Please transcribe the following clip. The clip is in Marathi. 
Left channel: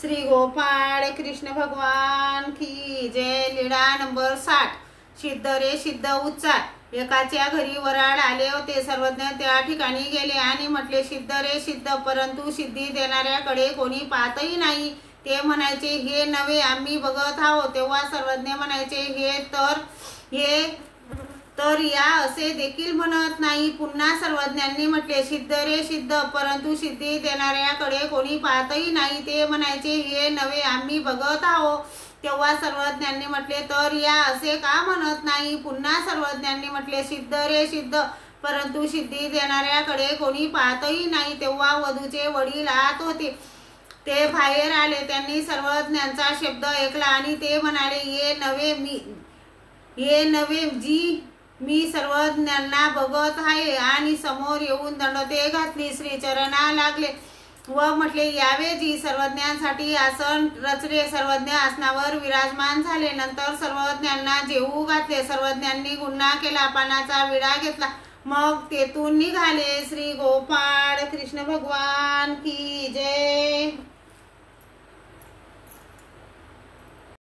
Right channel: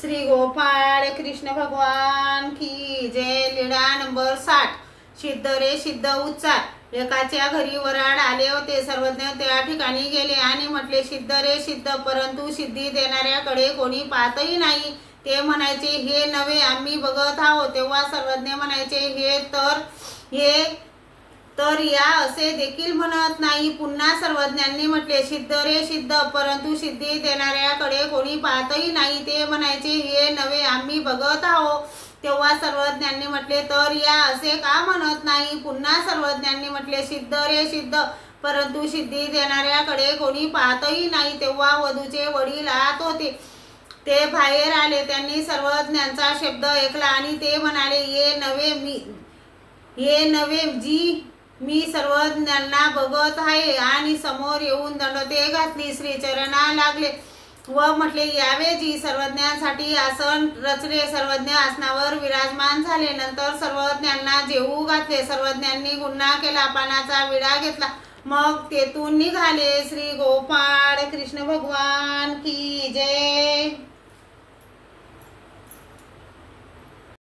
श्री गोपाळ कृष्ण भगवान की जय। लीळा नंबर 60। सिद्ध रे सिद्ध उच्चार। एकाच्या घरी वराड आले होते। सर्वज्ञ त्या ठिकाणी गेले आणि म्हटले, सिद्ध रे सिद्ध, परंतु सिद्धी देणाऱ्याकडे कोणी पाहतही नाही। ते म्हणायचे, हे नव्हे, आम्ही बघत आहोत। तेव्हा सर्वज्ञ म्हणायचे, हे तर या असे देखील म्हणत नाही। पुन्हा सर्वज्ञांनी म्हटले, सिद्ध रे सिद्ध, परंतु सिद्धी देणाऱ्याकडे कोणी पाहतही नाही। ते म्हणायचे, हे नव्हे, आम्ही बघत आहोत। तेव्हा सर्वज्ञांनी म्हटले, तर या असे का म्हणत नाही। पुन्हा सर्वज्ञांनी म्हटले, सिद्ध रे सिद्ध, परंतु सिद्धी देणाऱ्याकडे कोणी पाहतही नाही। तेव्हा वधूचे वडील आत होते, ते बाहेर आले। त्यांनी सर्वज्ञांचा शब्द ऐकला आणि ते म्हणाले, ये नव्हे जी मी सर्वज्ञांना बघत आहे। आणि समोर येऊन दंडते घातली, श्रीचरणा लागले व म्हटले, यावे जी। सर्वज्ञांसाठी आसन रचले। सर्वज्ञ आसनावर विराजमान झाले। नंतर सर्वज्ञांना जेवू घातले। सर्वज्ञांनी गुन्हा केला, पानाचा विडा घेतला, मग तेथून निघाले। श्री गोपाळ कृष्ण भगवान की